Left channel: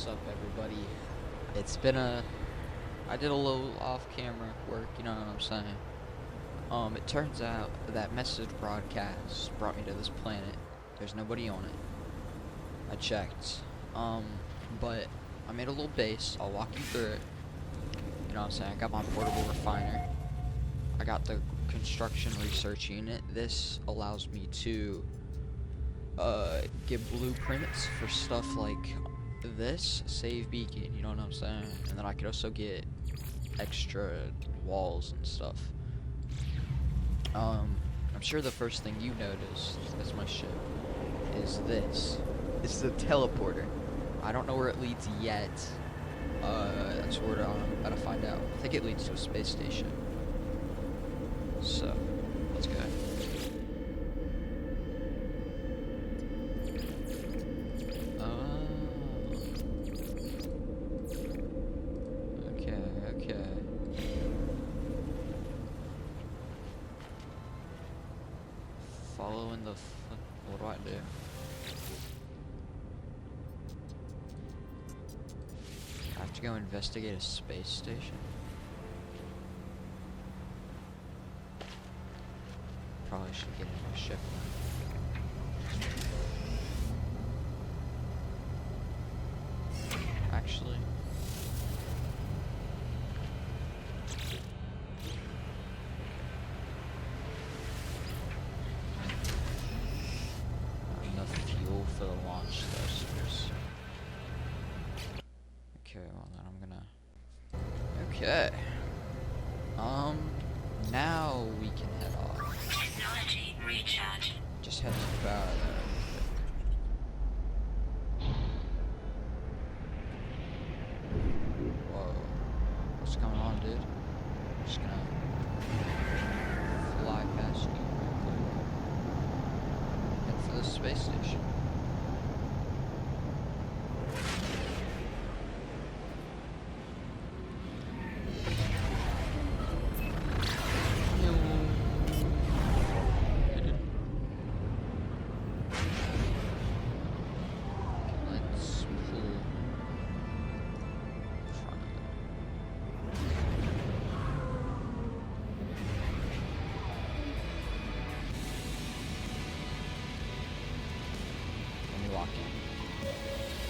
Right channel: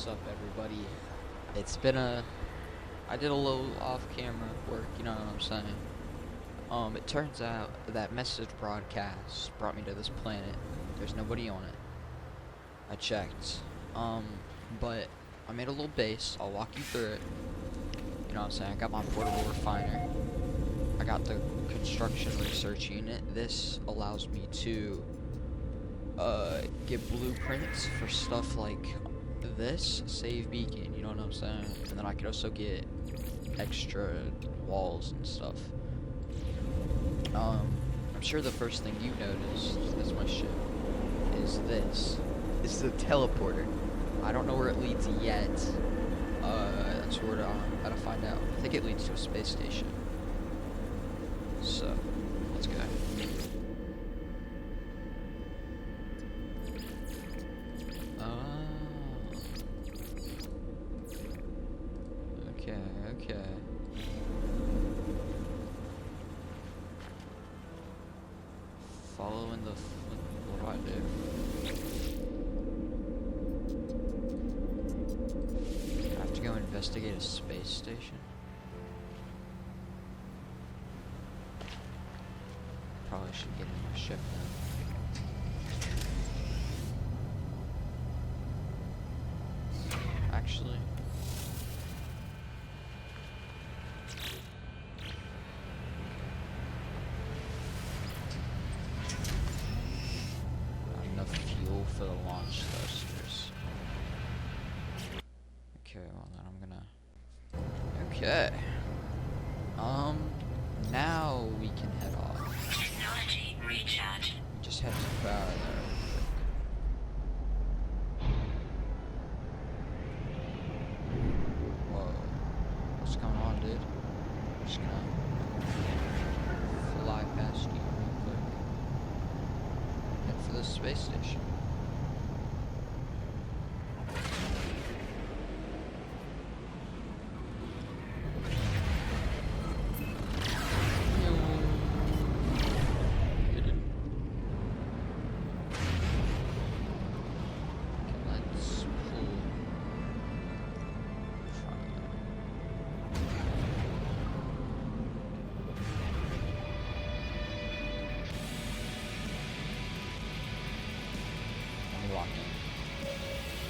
What's up, everybody? It's been I did a little off-camera work, you know what I'm saying? It turns out that message broadcast brought me to this planet. There's nobody on it. I checked. But I made a little base. I'll walk you through it. You know what I'm saying? I got my portable refiner. I got the construction research unit. This allows me to get blueprints for stuff like this save beacon, you know what I'm saying? And then I could also get extra walls and stuff. I'm sure the first thing you noticed, that's my ship, is this. This is a teleporter. I don't know where it leads yet. That's where I'm about to find out. I think it leads to a space station. So, let's go. Okay. Following the what do I do? I have to go investigate a space station. Probably should get in my ship now. Actually. Enough fuel for the launch thrusters. Okay, well then I'm gonna. Okay. Now we can head off. Technology recharge. Just head to power there real quick. Whoa. What's going on, dude? I'm just gonna fly past you real quick. Head for the space station.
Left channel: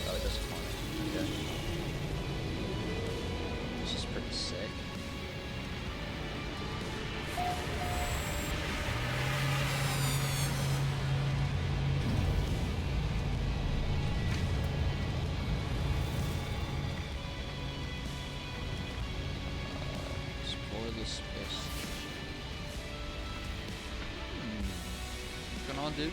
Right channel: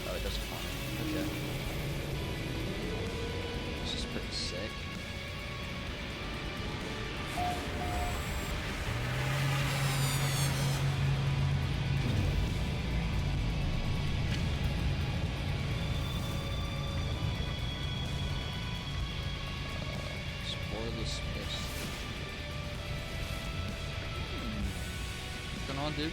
Oh, it does it for me. Okay. This is pretty sick. Explore the space station. What's going on, dude?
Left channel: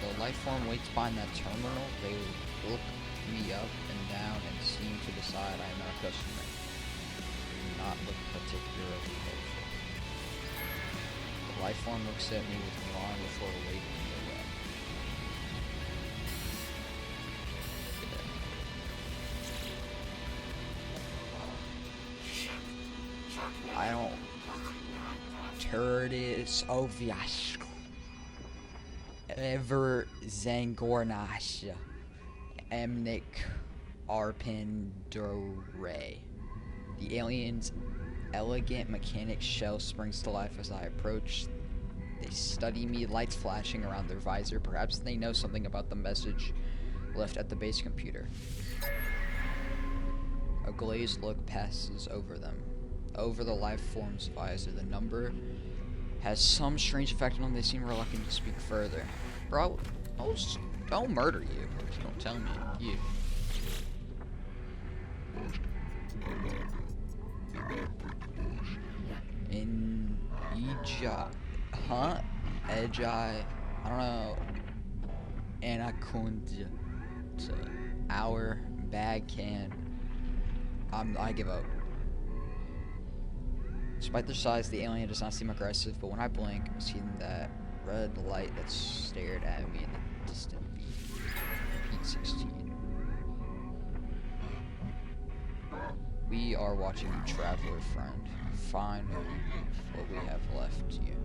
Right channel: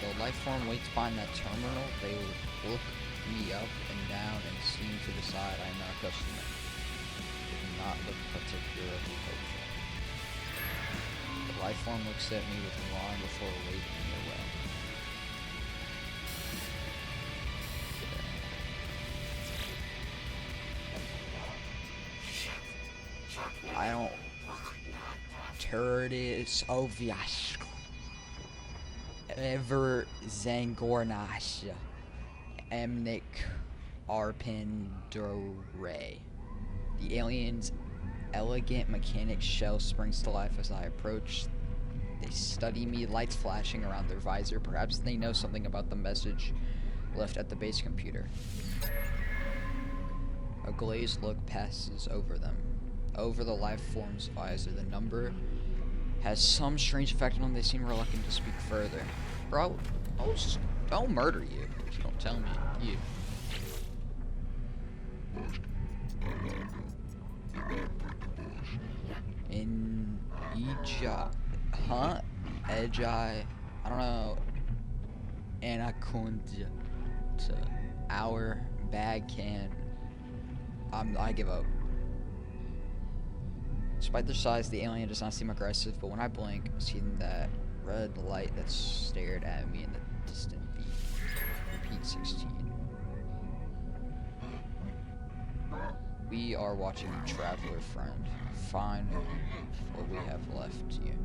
The life form waits behind that terminal. They look me up and down and seem to decide I am not a customer. They do not look particularly hopeful. The life form looks at me with alarm before waving me away. Yeah. I don't. Turtis Oviash. Ever Zangornash Emnik Arpindore. The alien's elegant mechanic shell springs to life as I approach. They study me, lights flashing around their visor. Perhaps they know something about the message left at the base computer. A glazed look passes over them. Over the life form's visor, the number has some strange effect on them. They seem reluctant to speak further. Bro, don't murder you. If you don't tell me. You. In Ija. Huh? Ejai. I don't know. Anaconda. To our bag can. I give up. Despite their size, the alien does not seem aggressive, but when I blink, I see that red light that stared at me in the distant beat. Repeat 16. We are watching you, traveler friend. Find what we have left you.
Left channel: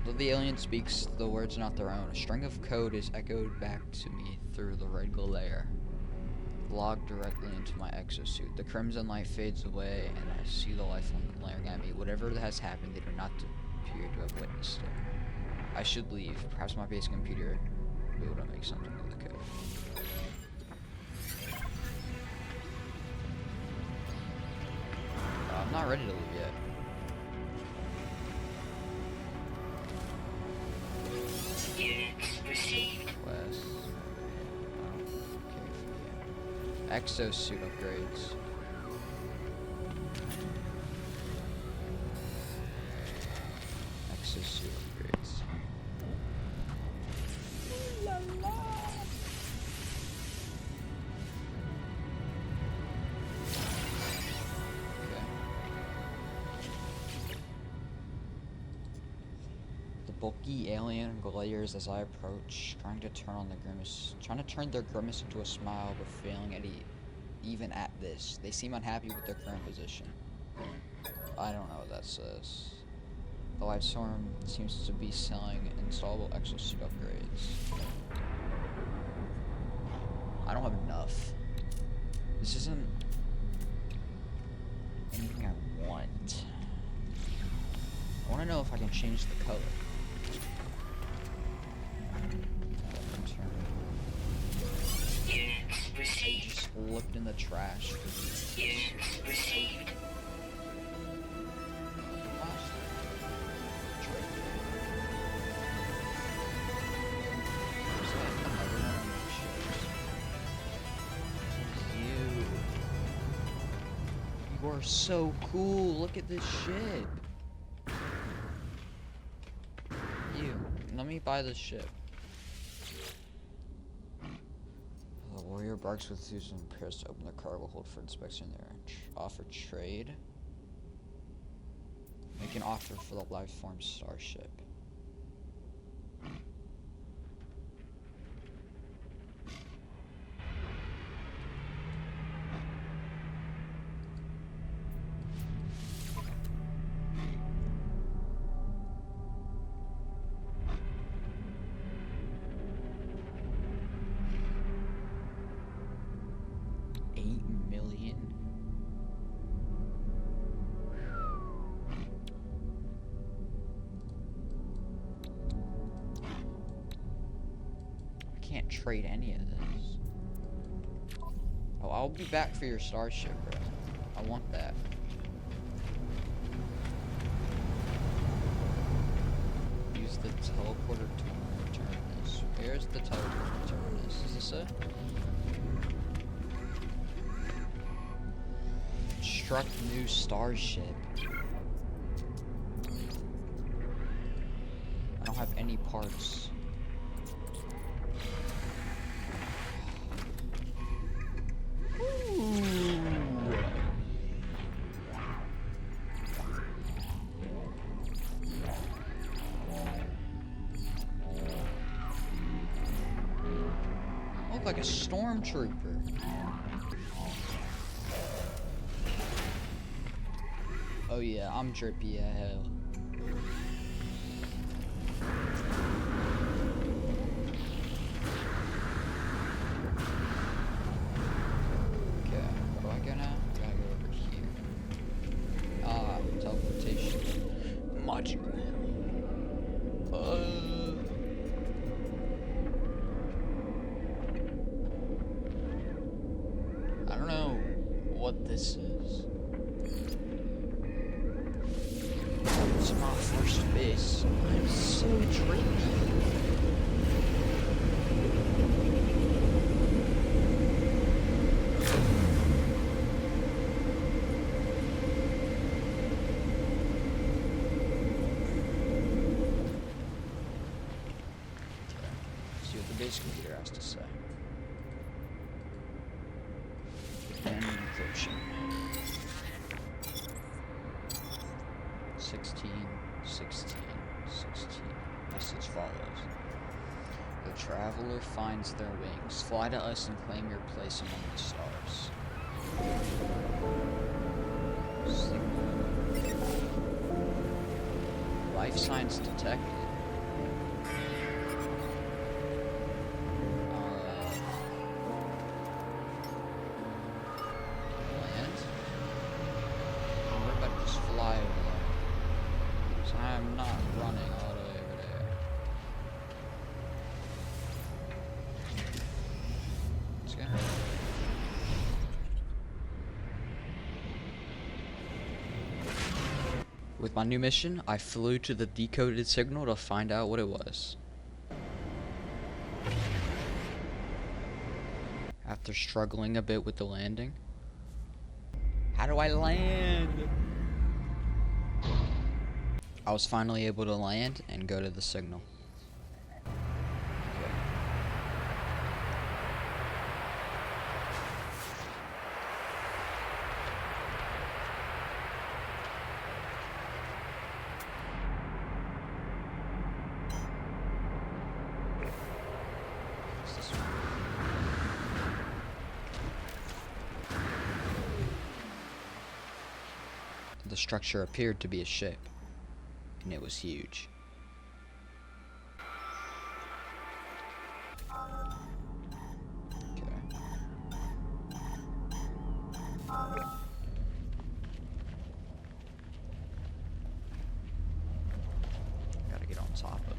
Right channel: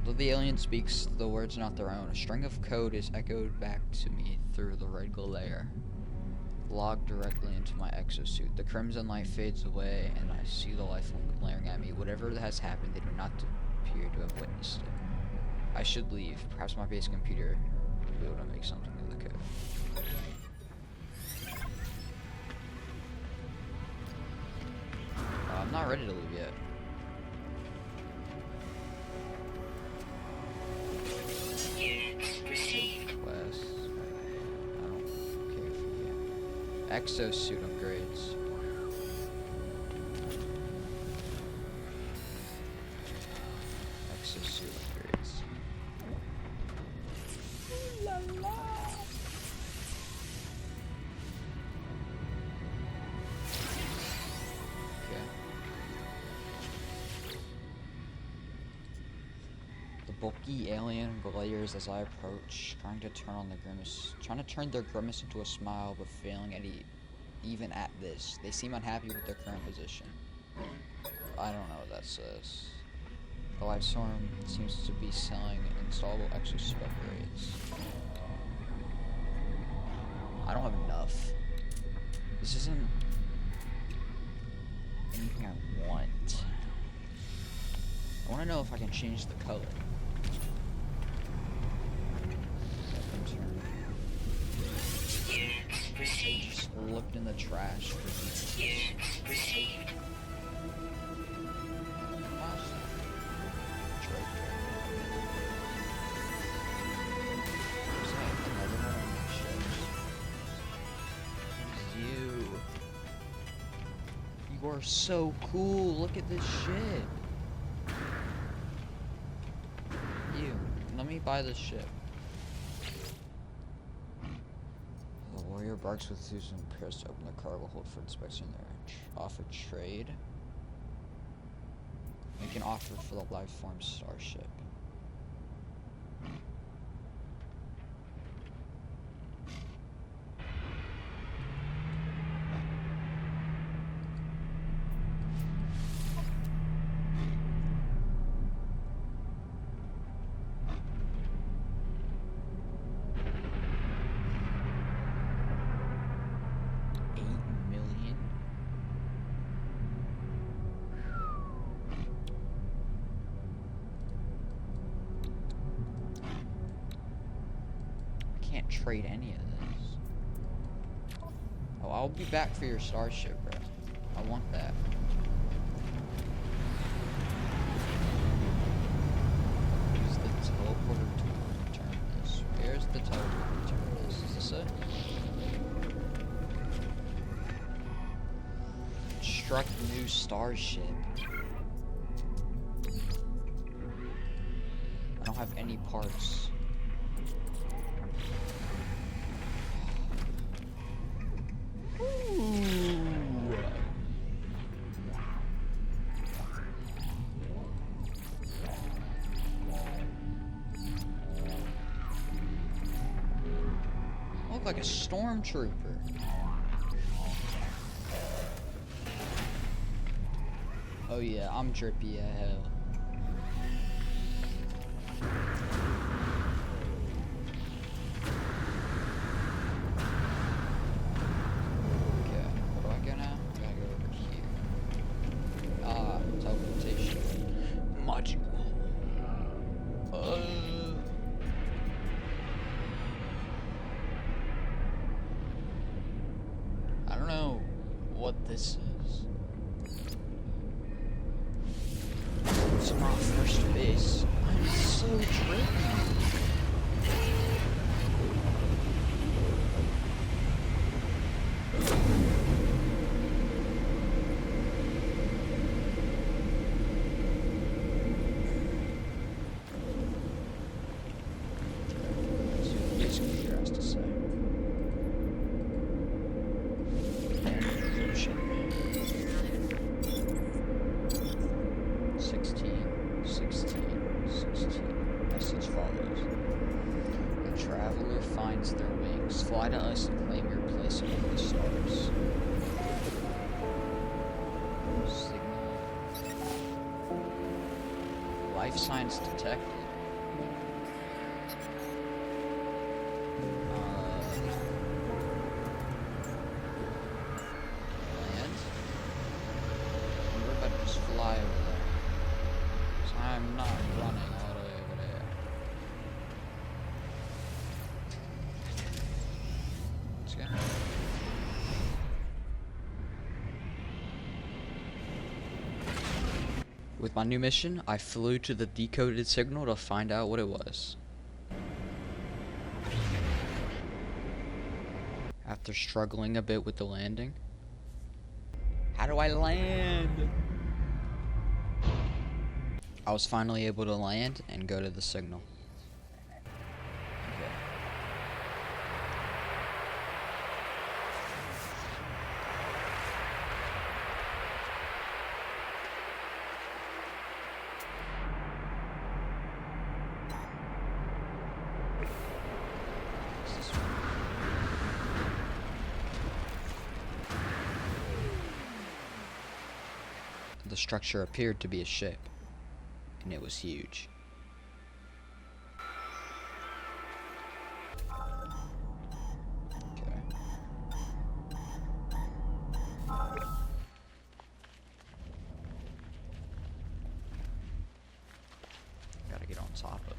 Although the alien speaks the words not their own, a string of code is echoed back to me through the red glare, logged directly into my exosuit. The crimson light fades away, and I see the life form glaring at me. Whatever has happened, they do not appear to have witnessed it. I should leave. Perhaps my base computer will be able to make something of the code. I'm not ready to leave yet. Units received. Quest. I don't care for you. Exosuit upgrades. Exosuit upgrades. Okay. The bulky alien glares as I approach, trying to turn their grimace into a smile, but failing even at this. They seem unhappy with their current position. I don't know what that says. The Livestorm seems to be selling installable exosuit upgrades. I don't have enough. This isn't anything I want. I want to know if I can change the color. Units I received. just looked in the trash for these. Units received. Last trade. Is that another one on my ships? What is you? You are so cool. Look at this ship. You. Let me buy this ship. The warrior barks with Zeus and prepares to open the cargo hold for inspection there. Offer trade. Make an offer for the Liveform starship. $8 million? I can't trade any of this. Oh, I'll be back for your starship, bro. I want that. Use the teleporter to return this. Where's the teleporter to return this? Is this it? Construct new starship. I don't have any parts. Ooh. I look like a stormtrooper. Oh yeah, I'm drippy as hell. Okay, where do I go now? I gotta go over here. Ah, teleportation module. I don't know what this is. It's my first base. I'm so trippy. See what the base computer has to say. And encryption. 16, 16, 16. Message follows. The traveler finds their wings. Fly to us and claim your place among the stars. Signal. Life signs detected. die over there. So I'm not running all the way over there. Let's go. With my new mission, I flew to the decoded signal to find out what it was. After struggling a bit with the landing. How do I land? I was finally able to land and go to the signal. Okay. What's this one? The structure appeared to be a ship, and it was huge. Okay. Gotta get on top of it.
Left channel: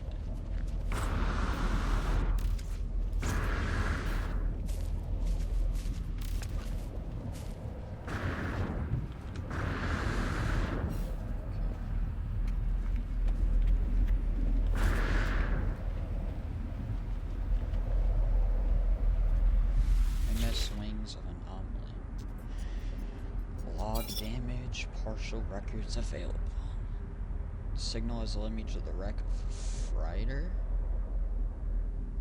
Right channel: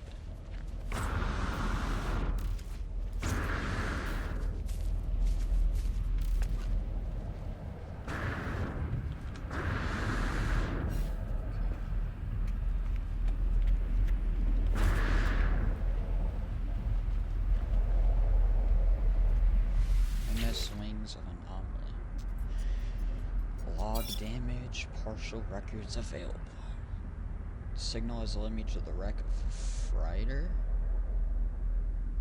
Wings of anomaly. Log damage, partial records available. Signal has led me to the wreck of Freighter.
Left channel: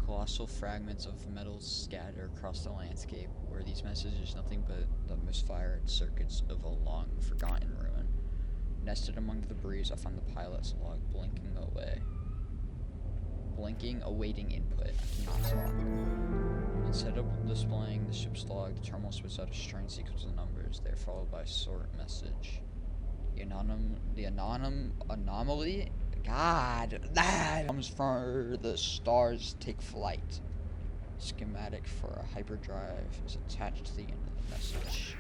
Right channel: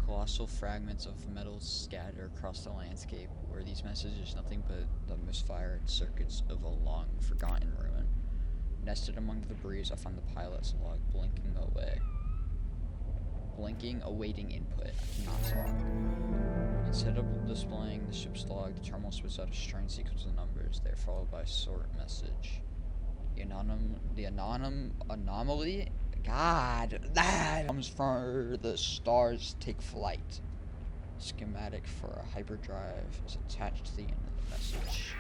Colossal fragments of metal scatter across the landscape. Were these messages nothing but the misfired circuits of a long forgotten ruin? Nested among the debris, I found the pilot's log blinking away. Blinking, awaiting input. I cannot talk. Instead of displaying the ship's log, the terminal spits out a strange sequence of numbers. They are followed by a short message. The anomaly? God, that comes from the stars take flight. Schematic for a hyperdrive is attached to the end of the message.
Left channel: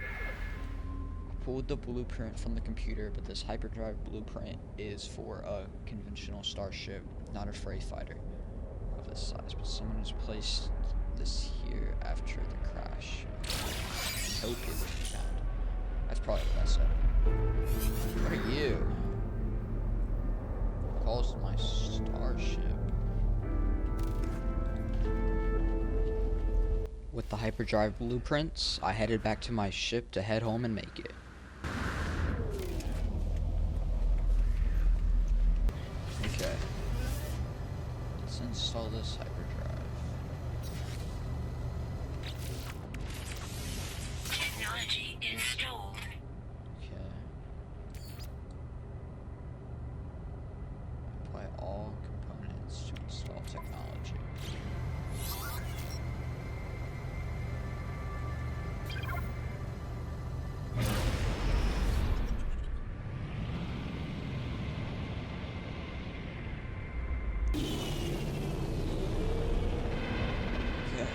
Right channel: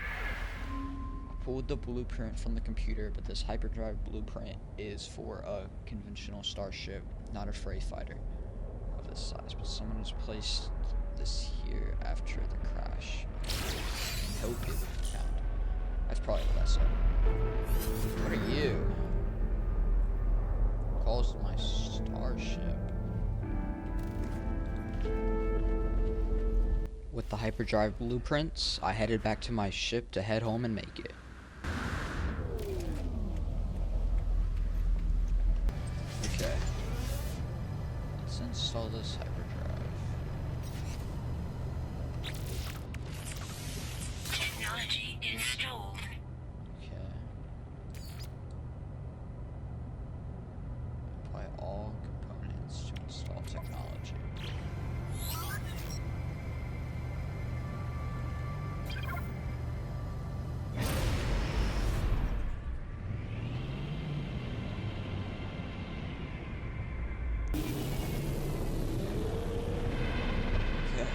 I pulled the blueprint from the computer, but this hyperdrive blueprint is for a conventional starship, not a freight fighter of this size. But someone has placed this here after the crash and hope it would be found. That's probably what I said. What are you? Calls my starship. With the hyperdrive blueprints, I headed back to my ship to head home and make it. Okay. Let's install this hyperdrive. Technology installed. Okay. Apply all components to install technology. Okay.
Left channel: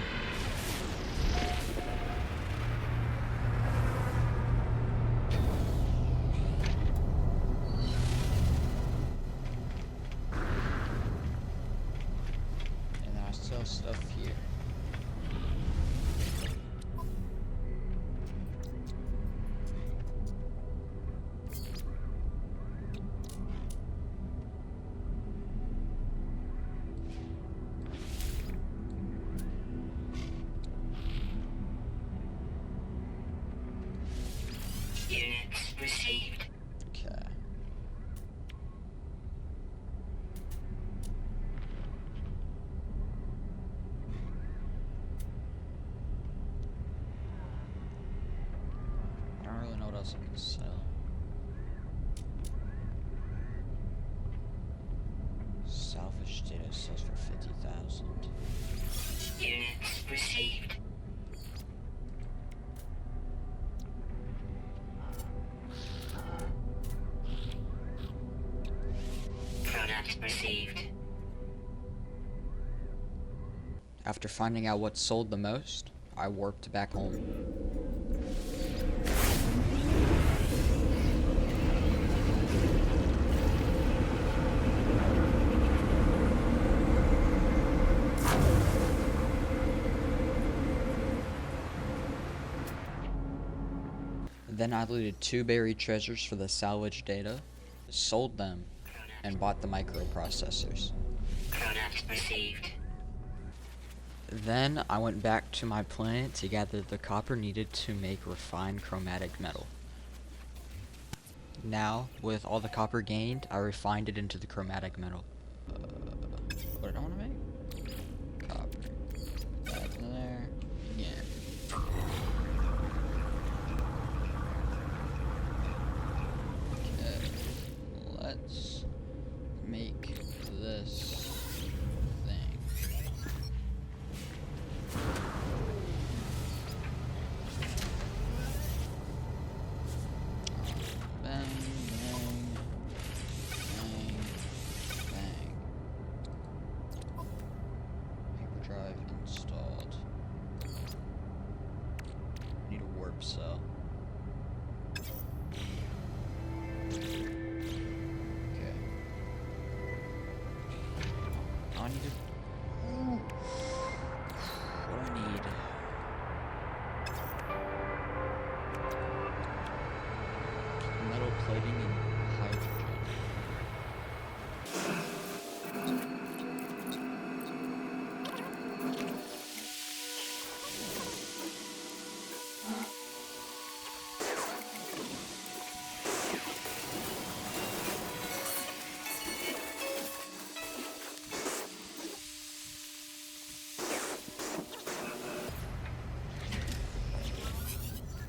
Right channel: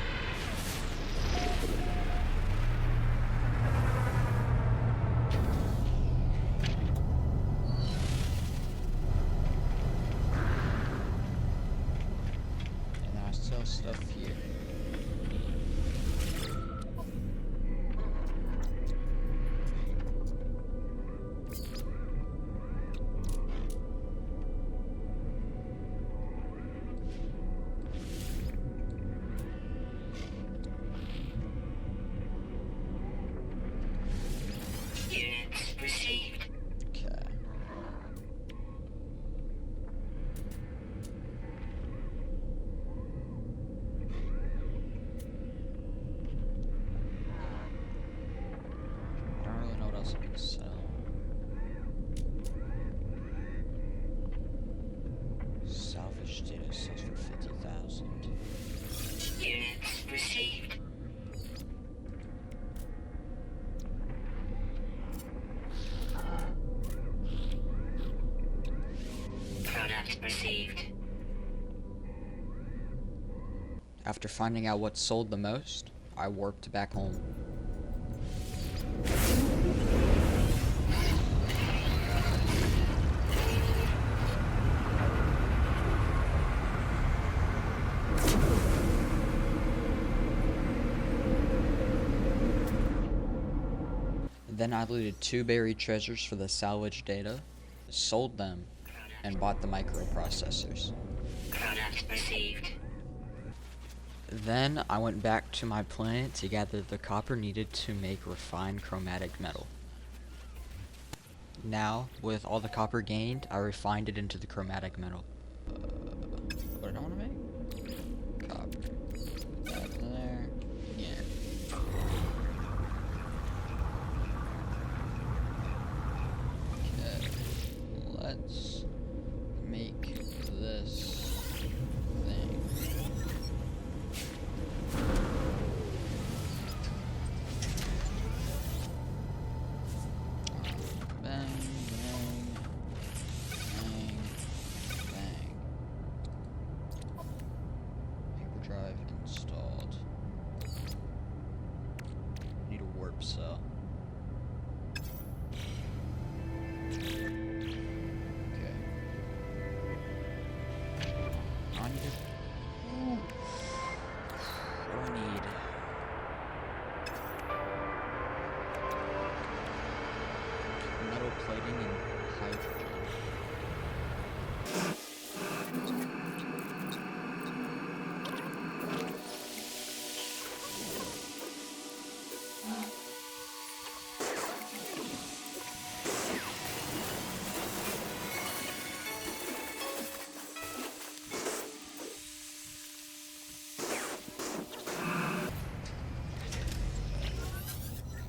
And I still stuff here. Units received. Okay. I don't really know what else I can sell. Salvage data sells for 50,000. Units received. Product received. After finding out what sold the most, I warped back home. Then I looted 2 buried treasures for the salvage data, sold them, and bought the microprocessors. Product received. Then I went back to my planet to gather the copper needed to make refined chromatic metal. Now, with all the copper gained, I refined it into the chromatic metal. What did I want to make? Copper. That there. Again. Okay. Let's make this thing. Bang, bang, bang, bang. Hyperdrive installed. Need a warp cell. Okay. I need to. Ooh. What do I need? Metal plating and hydrogen.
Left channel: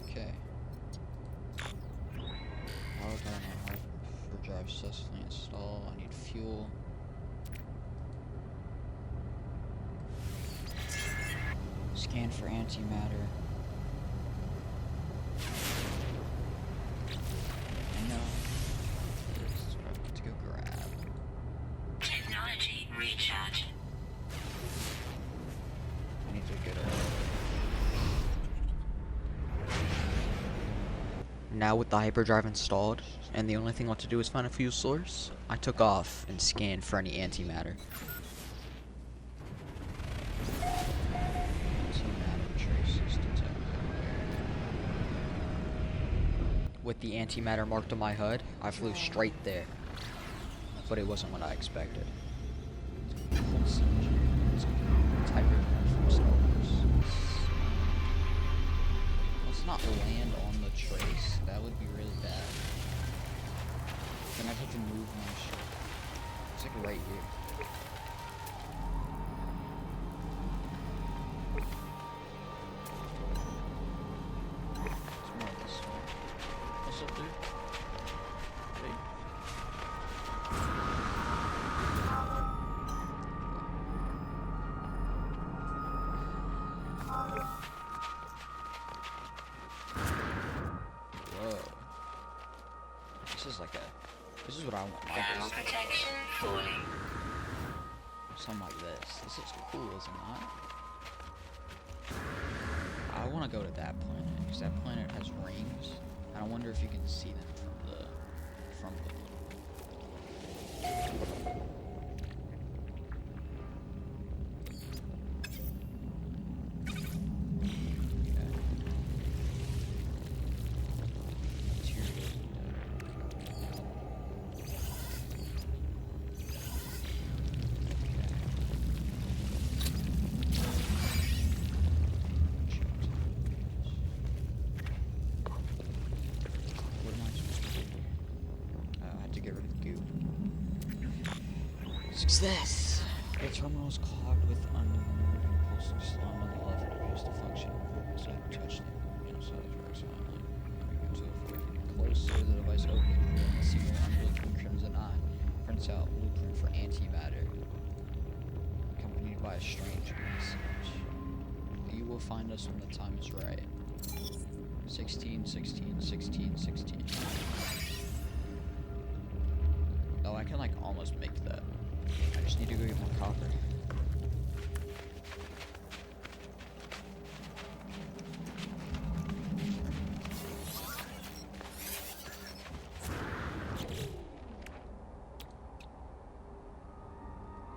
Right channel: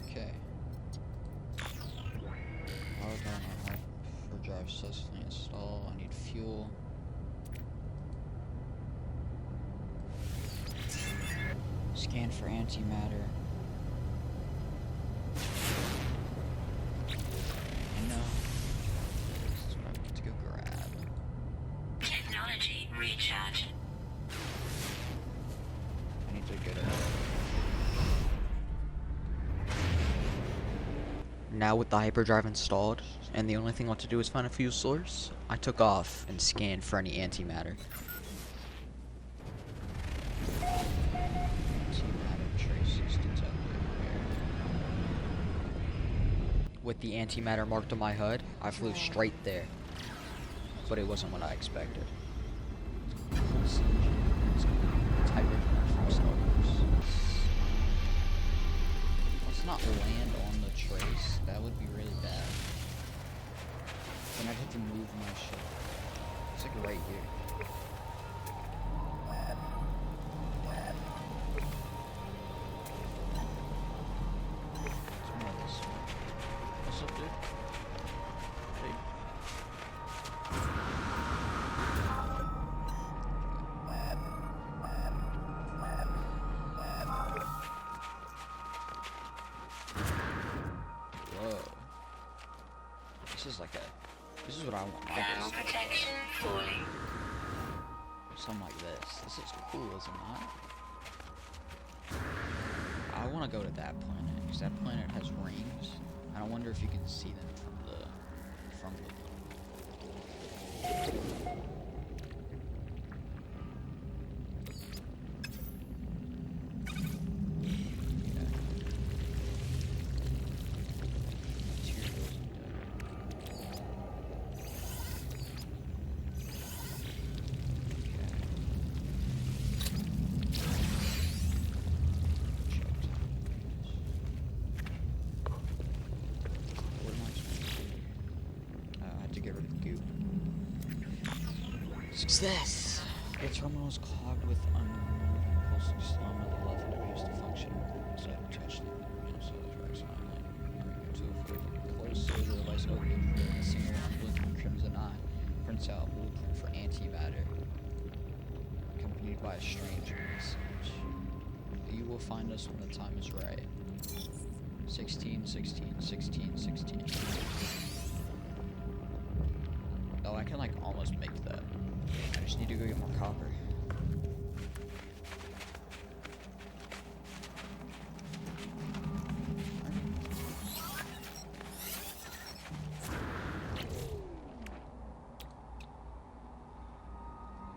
Okay. Power gun on hyperdrive successfully installed. I need fuel. Scan for antimatter. I know. This is what I want to go grab. Technology recharge. I need to get it. Now with the hyperdrive installed, and the only thing left to do is find a fuel source, I took off and scanned for any antimatter. Antimatter traces detected. With the antimatter marked on my HUD, I flew straight there. But it wasn't what I expected. It's Pulse engine. It's hyperdrive from Star Wars. Let's not land on the trace. That would be really bad. Then I'd have to move my ship. It's like right here. It's more this way. What's up, dude? Hey. Whoa. This is what I want my Thermal base to look protection falling. like. Something like this. This is cool, is it not? I want to go to that planet, because that planet has rings, and I wonder if you can see them from the Okay. Materials and data. Okay. Checked. What am I supposed to do? I had to get rid of the goo. Success! The terminal is clogged with unmoving pulsing slime on the left and appears to function. So I touched it. So I was right silently. To avoid getting closer, the device opened and revealed a single unblinking crimson eye. Prints out blueprint for antimatter, accompanied by a strange message. You will find us when the time is right. 16, 16, 16, 16. Oh, I can like almost make that. I just need to go get more copper.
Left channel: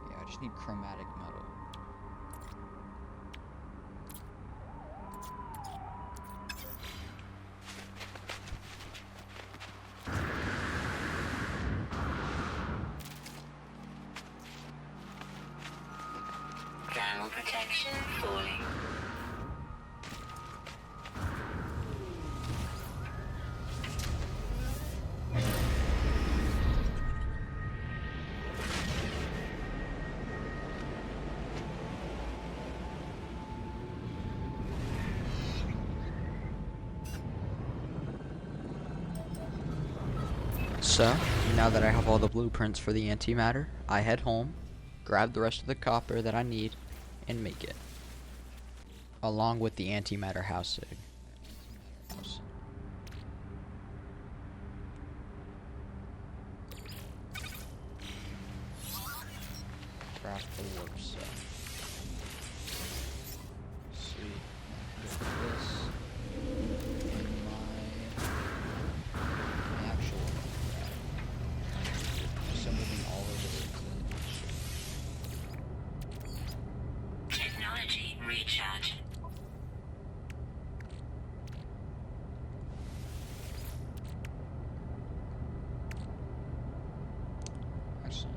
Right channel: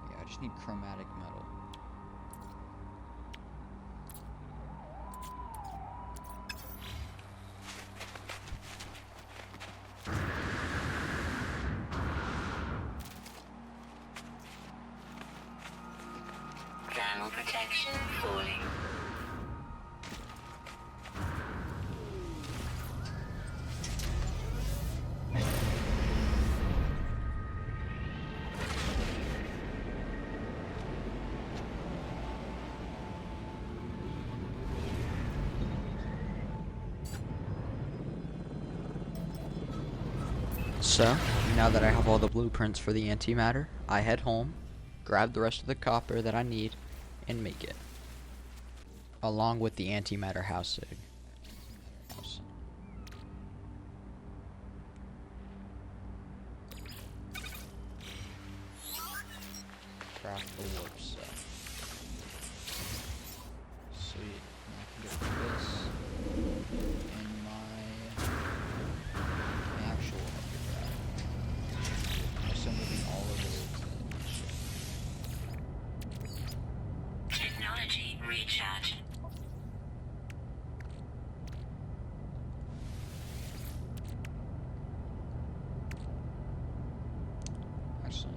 Yeah, I just need chromatic metal. Section falling. So, now that I have all the blueprints for the antimatter, I head home, grab the rest of the copper that I need, and make it. Along with the antimatter housing. Craft the warp cell. Sweet. Now I can get this in my actual craft. So moving all of this. Technology recharge. Actually,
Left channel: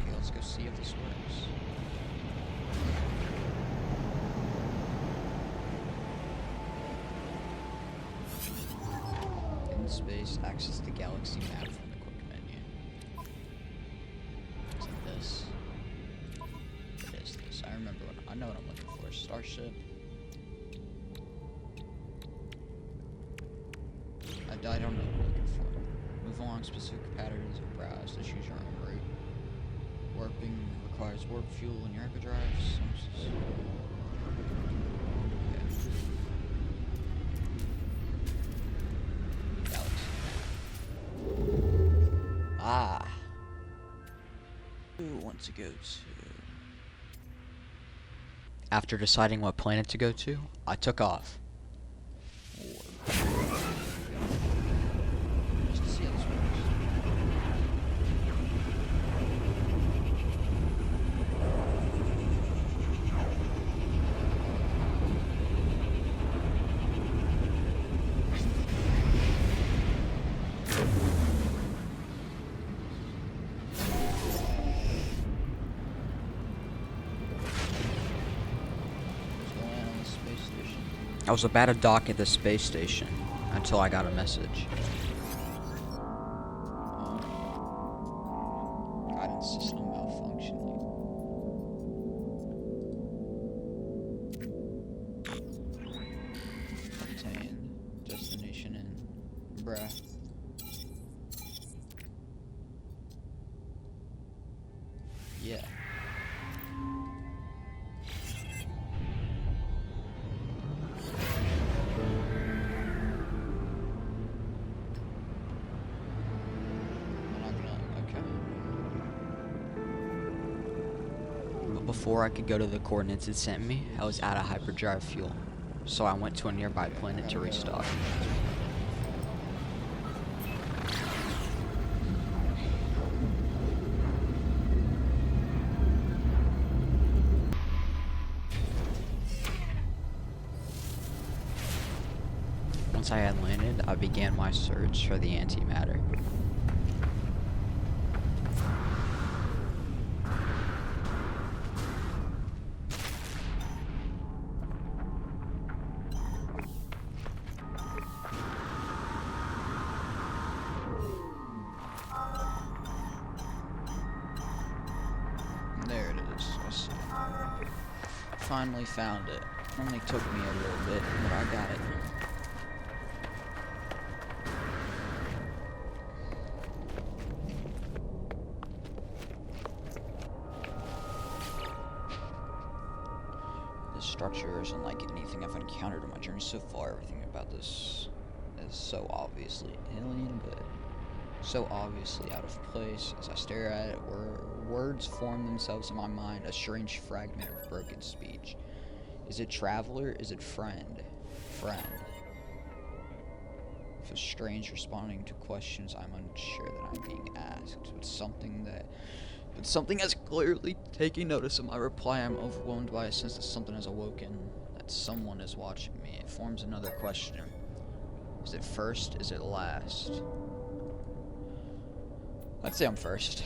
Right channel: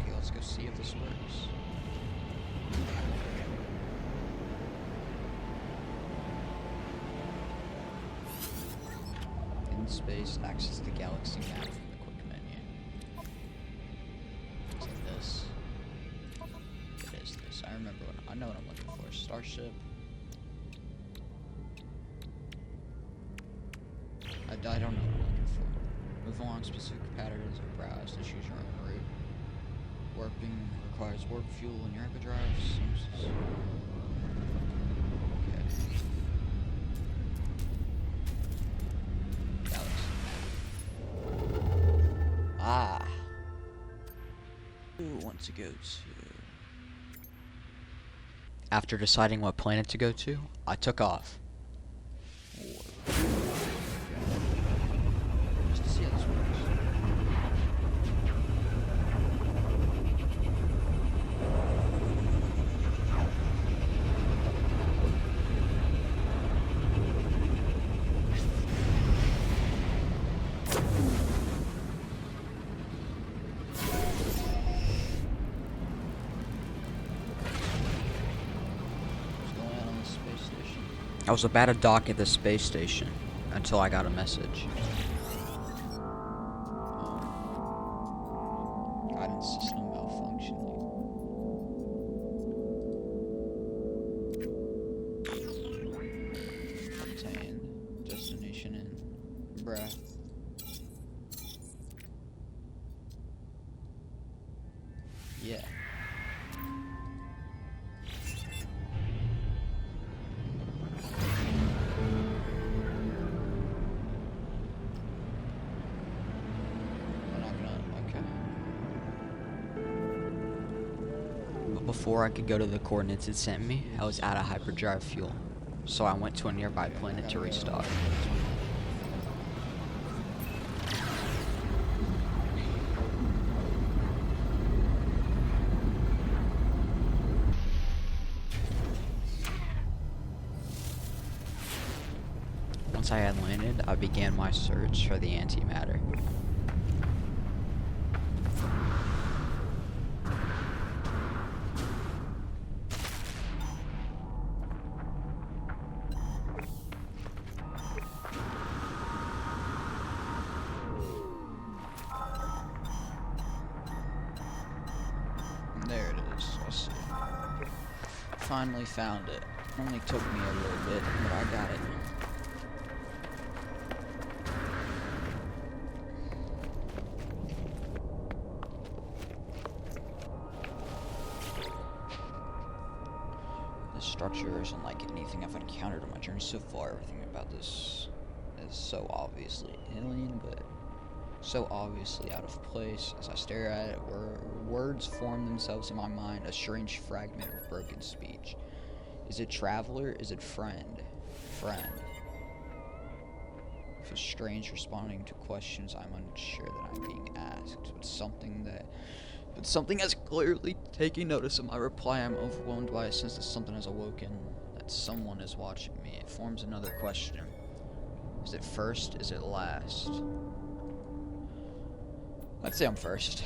okay, let's go see if this works. In space, access the galaxy map from the quick menu. Is it this? It is this. I remember I know what I'm looking for. Starship. I don't know what I'm looking for. Move along specific patterns or browse to choose your own route. Warping requires warp fuel in your hyperdrive. Okay. Galaxy map. Ah. Who want to go to? After deciding what planet to go to, I took off. Warp. Okay. Just to see how this works. I was about to dock at the space station until I got a message. Guidance system malfunctioning. Obtained. Destination in. Bruh. Yeah. Before I could go to the coordinates it sent me, I was out of hyperdrive fuel, so I went to a nearby planet to restock. Once I had landed, I began my search for the antimatter. There it is. I see it. Finally found it. Only took me a little bit, but I got it. This structure isn't like anything I've encountered on my journey so far. Everything about this is so obviously alien, but so obviously out of place. As I stare at it, words form themselves in my mind, a strange fragment of broken speech. Is it traveler? Is it friend? Friend. Feels strange responding to questions I'm unsure that I'm being asked. But something has clearly taken notice of my reply. I'm overwhelmed by a sense that something has awoken, that someone is watching me. It forms another question. Is it first? Is it last? I'd say I'm first.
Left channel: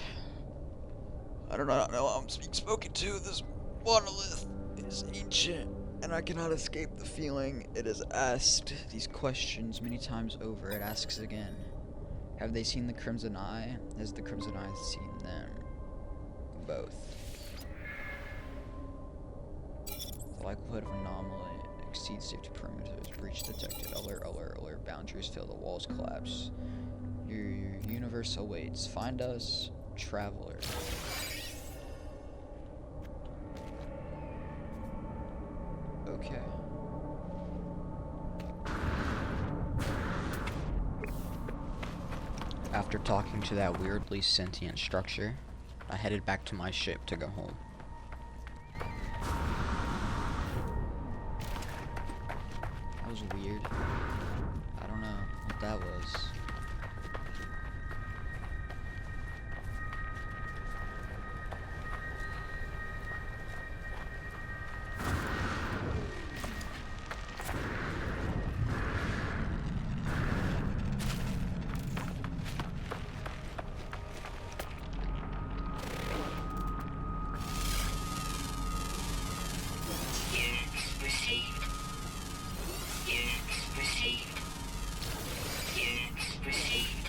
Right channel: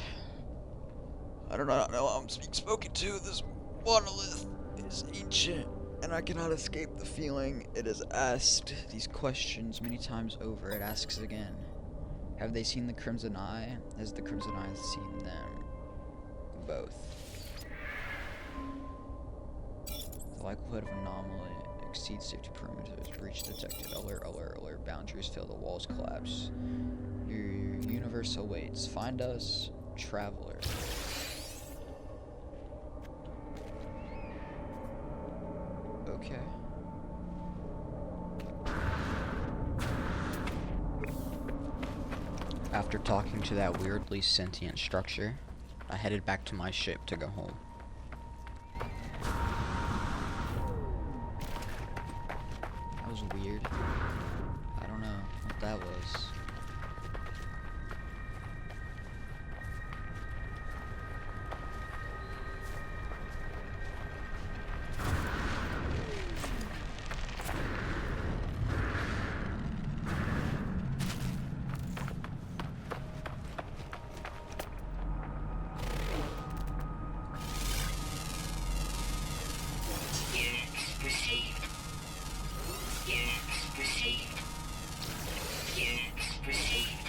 I do not know how I'm being spoken to. This monolith is ancient, and I cannot escape the feeling it has asked these questions many times over. It asks again. Have they seen the Crimson Eye? Has the Crimson Eye seen them? Both. The likelihood of anomaly exceeds safety parameters. Breach detected. Alert, alert, alert. Boundaries fail. The walls collapse. Your universe awaits. Find us, traveler. Okay. After talking to that weirdly sentient structure, I headed back to my ship to go home. That was weird. I don't know what that was. Units received. Units received. Units received.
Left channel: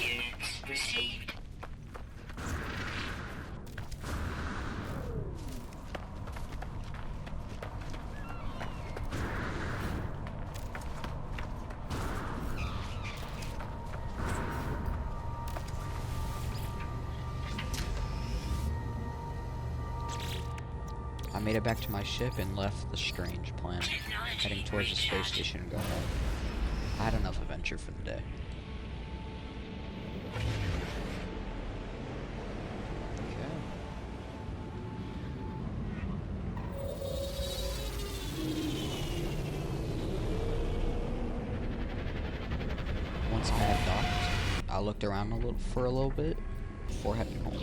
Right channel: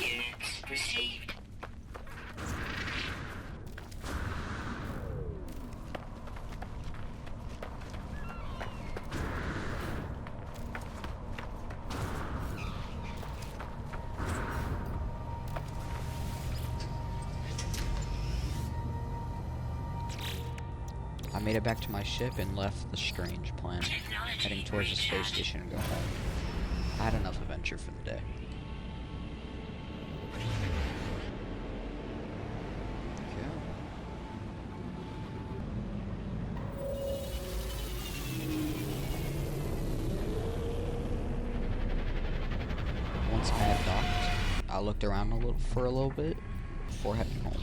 Units received. I made it back to my ship and left the strange planet, heading towards the space station to go home. I had enough adventure for the day. Okay. Once I had docked, I looked around for a little bit before heading home.